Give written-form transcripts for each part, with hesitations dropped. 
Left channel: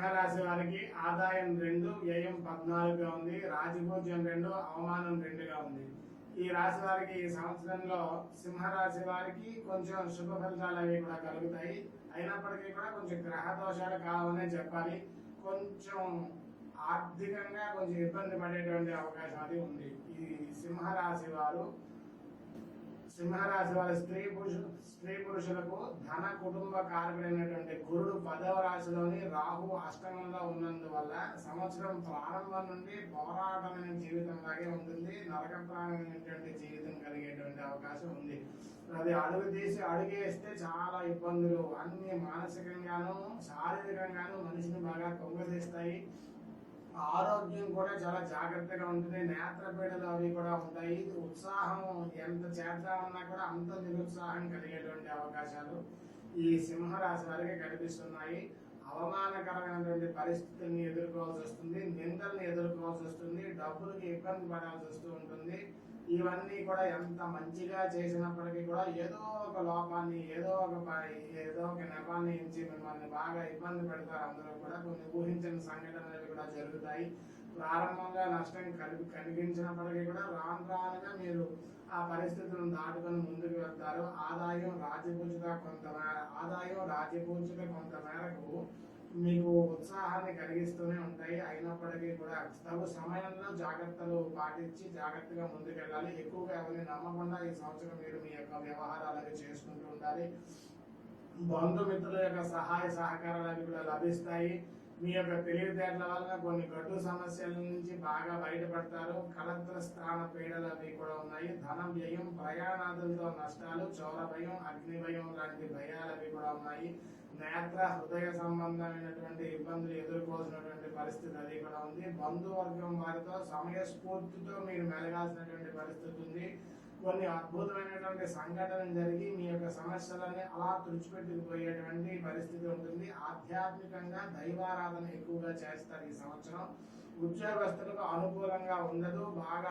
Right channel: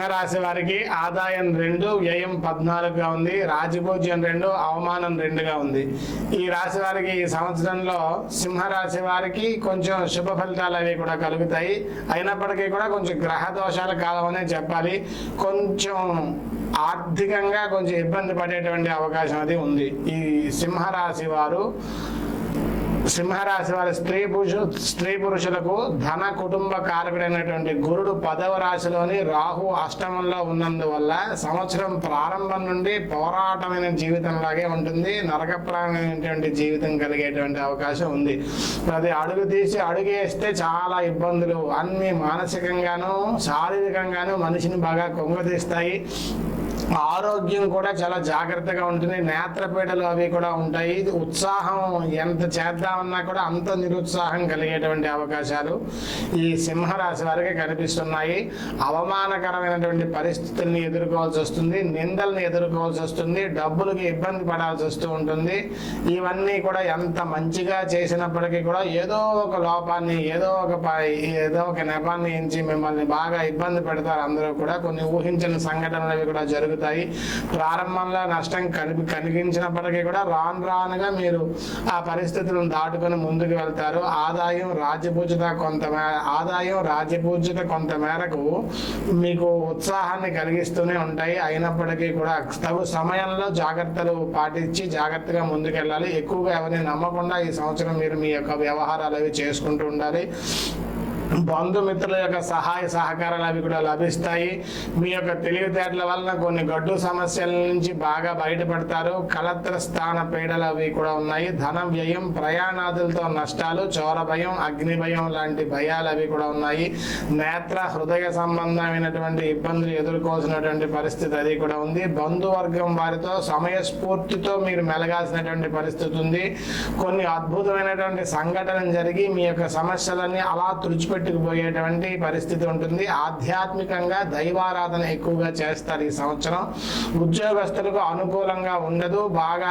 సింహరాశి వారికి ఆదాయం 2, వ్యయం 14గా ఉంది. రాజపూజ్యం 2, అవమానం 2గా ఉంది. ఈ రాశి వారికి ఈ సంవత్సరంలో సింహరాశి వారికి కొంచెం శుభ ఫలితాలు అవి కూడా కలుగుతాయి. అయినప్పటికీ కూడా కొంచెం గ్రహ దోషాల కాలం అనే చెప్పాలి. కొంచెం ఆర్థికంగా కొంచెం ఇబ్బంది పడేటువంటి అవకాశం అది ఉంది. ఈ సింహరాశి వారు స్త్రీ పురుషులకు ధన కుటుంబ కారకుడైనటువంటి గురుడు 10వ రాశిలోని, రాహు అష్టమంలో ఉన్నందువల్ల సంవత్సరం ప్రారంభం నుండి పోరాటమైన జీవితంలాగే ఉంటుంది. నరకప్రాయమైనటువంటి జీవితం కలిగేటువంటి అవకాశం ఉంది. అది అడుగు తీసి అడుగేస్తే చాలా ఇబ్బందులు అన్ని మానసికంగాను శారీరకంగాను మనిషిని బాగా కొంగతీస్తాయి. ఆరోగ్యం కూడా చాలా జాగ్రత్తగా ఉంటుంది. నేత్రపీడలు అవి కూడా ఉంటాయి. ఉత్సాహం ఎంత చేద్దామన్నా కూడా అంత నిరుత్సాహం కలిగేటువంటి అవకాశాలు ఈ సింహరాశి వారికి కనిపిస్తున్నాయి. అవమానకరమైనటువంటి పరిస్థితుల్ని ఎదుర్కోవాల్సి వస్తుంది. నిందల్ని ఎదుర్కోవాల్సి వస్తుంది. డబ్బులకి ఇబ్బంది పడాల్సి వస్తూ ఉంటుంది. ఇవన్నీ కూడా ఎంత మంచిగా చేసినప్పటికీ కూడా ఏదో ఒక లోపాన్ని ఏదో ఒక నెపాన్ని ఎంచి మిమ్మల్ని బాగా ఇబ్బంది పెడతారు. అందరూ కూడా కొన్ని ఊహించని సంఘటనలు అవి కూడా జరుగుతాయి. ప్రారంభంలో నష్టం కనిపించినప్పటికీ కూడా రానుగా మీరు ఆ పరిస్థితులను దాటుకొని ముందుకు వెళ్తారు. ఆదాయం రాజ్యపూజ్యత కొంత మేరకు మీకు ఉత్సాహాన్ని కలిగిస్తూనే ఉంటాయి. అయినప్పటికీ కూడా తగు సమయంలో జాగ్రత్తలు పాటించి జాగ్రత్తగా ముందుకెళ్ళాలి. ఎక్కువగా ఎవరిని నమ్మకుండా ఈ సంవత్సరం మీరు మీ యొక్క వ్యవహారాలు అవి చేసుకుంటూ ఉండాలి. బంధుమిత్రుల యొక్క సహాయ సహకారాలు అవి కూడా లభిస్తాయి. మీ యొక్క తెలివితేటల వలన కొన్ని గడ్డు సమస్యల నుంచి బాగా బయటపడతారు. కలత్ర స్థాన పీడలు అవి కూడా ఉన్నాయి. ధన వ్యయం, ప్రయాణాదులతో నష్టాలు, చోర భయం, అగ్ని భయం లాంటి భయాలు అవి కూడా ఉన్నాయి. నేత్ర హృదయ సంబంధమైనటువంటి ఇబ్బందులు ఎదుర్కోవాల్సినటువంటి పరిస్థితి అది కూడా ఉంది. బంధువర్గం వారితో సమయస్ఫూర్తితో మీరు మెలగాల్సినటువంటి పరిస్థితి ఉంది. కొన్ని అద్భుతమైనటువంటి సంఘటనలు జరిగి మీ యొక్క సమస్యలన్నీ అలా తుడిచిపెట్టుకుపోయేటువంటి పరిస్థితి ఉంటుంది. ఆధ్యాత్మికంగా దైవారాధన ఎక్కువగా చేస్తారు ఈ సంవత్సరం. ఉద్యోగస్తులకు అనుకూలంగా ఉండదు. బాగా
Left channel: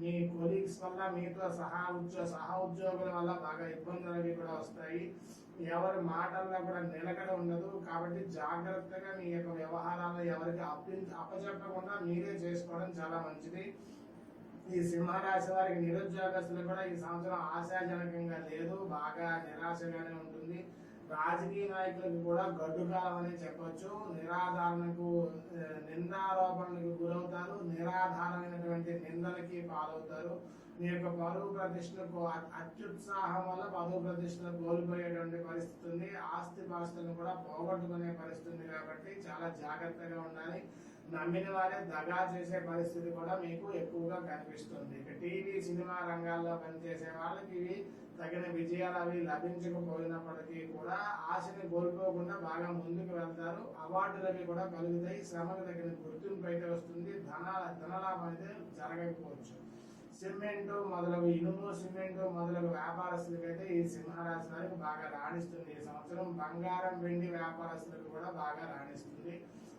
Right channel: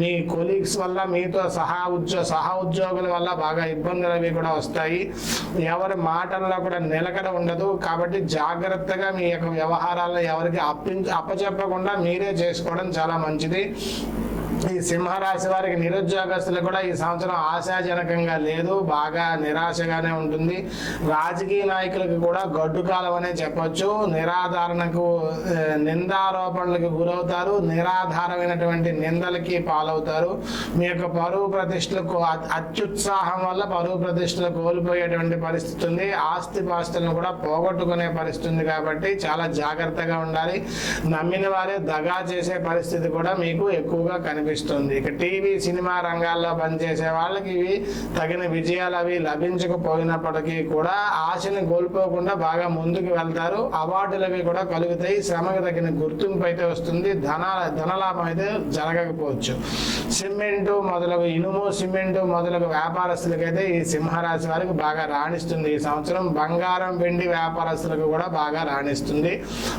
మీ కొలీగ్స్ వల్ల, మీతో సహా ఉద్యోగుల వల్ల బాగా ఇబ్బందులు అవి కూడా వస్తాయి. ఎవరి మాటల్లో కూడా నిలకడ ఉండదు. కాబట్టి జాగ్రత్తగా మీ యొక్క వ్యవహారాలను ఎవరికి అప్పచెప్పకుండా మీరే చేసుకోవడం చాలా మంచిది. ఈ సింహరాశి వారికి నిరుద్యోగస్తులు కూడా ఈ సంవత్సరం ఆశాజనకంగా లేదు. బాగా నిరాశగానే ఉంటుంది. రాజకీయ నాయకులకు కూడా గడ్డు కాలం అనే చెప్పొచ్చు. నిందారోపణలకు గురవుతారు. నిరాధారమైనటువంటి నిందలకి పాలవుతారు. మీ యొక్క పరువు ప్రతిష్టలకు అత్యుత్సాహం వల్ల పరువు ప్రతిష్టలు కోల్పోయేటువంటి పరిస్థితి ఉంది. ఆస్తిపాస్తులను కూడా పోగొట్టుకునే పరిస్థితి ఉంది. కాబట్టి చాలా జాగ్రత్తగా ఉండాలి. నమ్మిన వారే దగా చేసే పరిస్థితి కూడా మీకు ఎక్కువగా కనిపిస్తుంది. ఇక టీవీ సినిమా రంగాల్లో పనిచేసే వాళ్ళకి ఇవి తగిన విజయాలు అవి లభించకపోయినప్పటికీ కూడా ఆశని కోల్పోకుండా బాగా ముందుకు వెళ్తారు. అవార్డులు అవి కూడా కలుగుతాయి. శ్రమకు తగిన గుర్తింపు అయితే వస్తుంది. ధనలాభం అయితే జరగకపోవచ్చు. ఇనుము సిమెంటు మొదలగు వ్యాపారస్తులకైతే ఈ సింహరాశి వారికి బాగా రాణిస్తుంది ఈ సంవత్సరం. బంగారం వెండి వ్యాపారస్తులకు కూడా బాగా రాణిస్తుంది.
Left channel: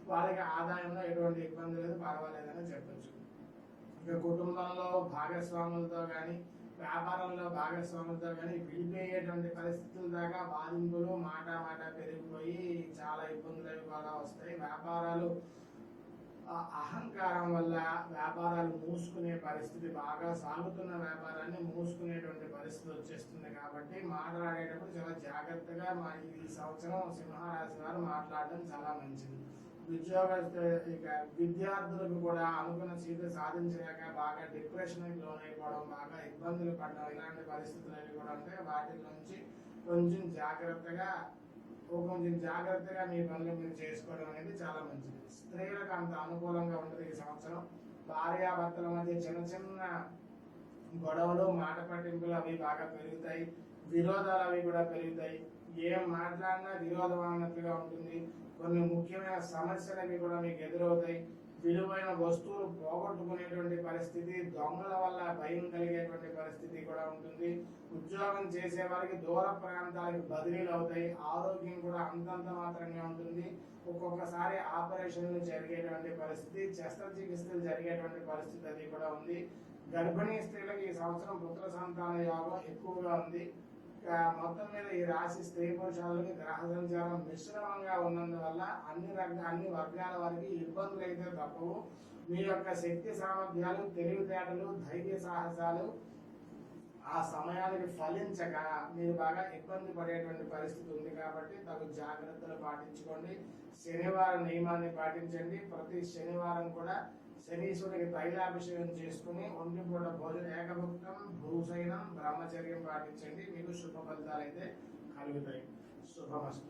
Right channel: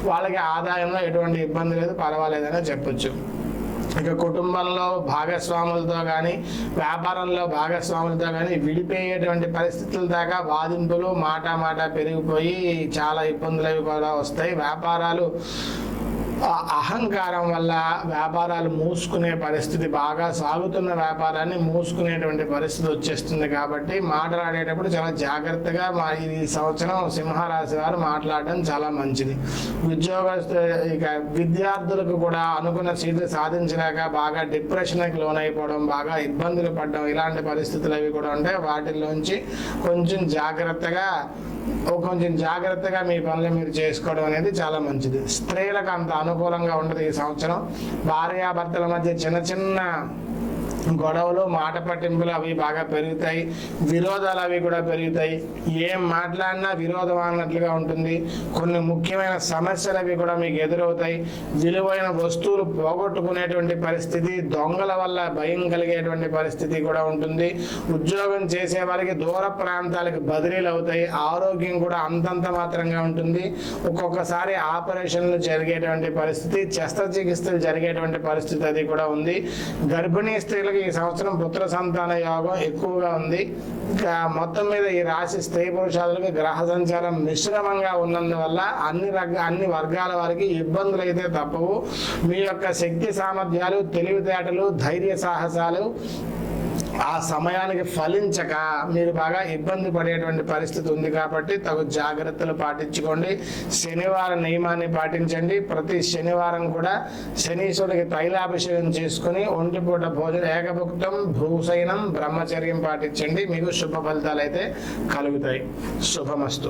వాళ్ళకి ఆదాయంలో ఎటువంటి ఇబ్బంది లేదు, పర్వాలేదని చెప్పొచ్చు. ఇక కుటుంబంలో భాగస్వాములతో కానీ వ్యాపారంలో భాగస్వాములతో కానీ విడిపోయేటువంటి పరిస్థితుల దాకా వాదింపులు మాట పెరిగిపోయి చాలా ఇబ్బందులు అవి కూడా వస్తాయి. వ్యాపారాలు అహంకారం వల్ల వ్యాపారాలు మూసుకునే పరిస్థితి, బాగా సాగుతున్న వ్యాపారాన్ని మూసుకునేటువంటి పరిస్థితి వచ్చేస్తుంది. కాబట్టి మాట్లాడేటప్పుడు చాలా జాగ్రత్తగా ఈ సంవత్సరం సింహరాశి వారు మాట్లాడడం చాలా మంచిది. ఇక విద్యార్థులకు కూడా అనుకున్న సీట్లు సాధించలేక బాగా డిప్రెషన్కి లోనైపోవడం, బాగా ఇబ్బందులు పడడం, ఇలాంటి పరిస్థితులు అవి కూడా ఉంటాయి. వాటిల్లోంచి కొంచెం జాగ్రత్తగా మీ పనులు మీరు చేసుకోవడం అనేది చాలా మంచిది. స్త్రీలకు అంత అనుకూలంగా ఉండదు ఈ సంవత్సరం. భార్యాభర్తల మధ్య చిన్న గొడవలు, మాట పట్టింపులు అవి బాగా పెరుగుతాయి. విరోధాలు అవి కూడా పెరుగుతాయి. ఏం మాట్లాడినా విరోధం అన్నట్లుగా ఉంటుంది. కొన్ని ముఖ్యమైన సమస్యలు అవి కూడా మీకు ఎదురవుతాయి. విలువైన వస్తువులు పోగొట్టుకునేటువంటి పరిస్థితి, దొంగల వల్ల భయం కలిగేటువంటి పరిస్థితి కూడా ఉంటుంది. ఉద్యోగం చేసే వారికి దూర ప్రాంతాలకు బదిలీలు అవుతాయి. ఆరోగ్యం కూడా అంతంత మాత్రంగా ఉంటుంది. ఒక్కొక్కసారి ఆపరేషన్లు జరిగేటువంటి పరిస్థితి, శస్త్రచికిత్సలు జరిగేటువంటి పరిస్థితి అది కూడా ఉంది. గర్భిణీ స్త్రీలకు ఉన్నప్పటికీ ఈ సంవత్సరం పుత్ర సంతాన యోగం ఎక్కువగా ఉంది. ఇంకా మొత్తం మీద ఈ రాశి స్త్రీ పురుషాదులకు గ్రహ సంచారం మిశ్రమంగా ఉన్నందువల్ల అన్ని వర్గాల వారికి ఇబ్బందులు అయితే తప్పవు. మీ యొక్క శక్తి సామర్థ్యాలు, తెలివితేటలు, ధైర్య సాహసాలు ఆ సమయానికి ఫలించక మీరు బాగా ఇబ్బంది పడేటువంటి పరిస్థితి ఉంది. కాబట్టి తగు జాగ్రత్తలు పాటించుకోండి. శనివారం నియమాన్ని పాటించండి. ప్రతి శనివారం కూడా శనీశ్వరుడికి తైలాభిషేకం చేసుకుని ఒంటిపూట భోజనం, ఏకభుక్తం, భూసైనం, బ్రహ్మచర్యం పాటించండి. మీకు శుభ ఫలితాలు అయితే కలుగుతాయి. శుభమస్తు.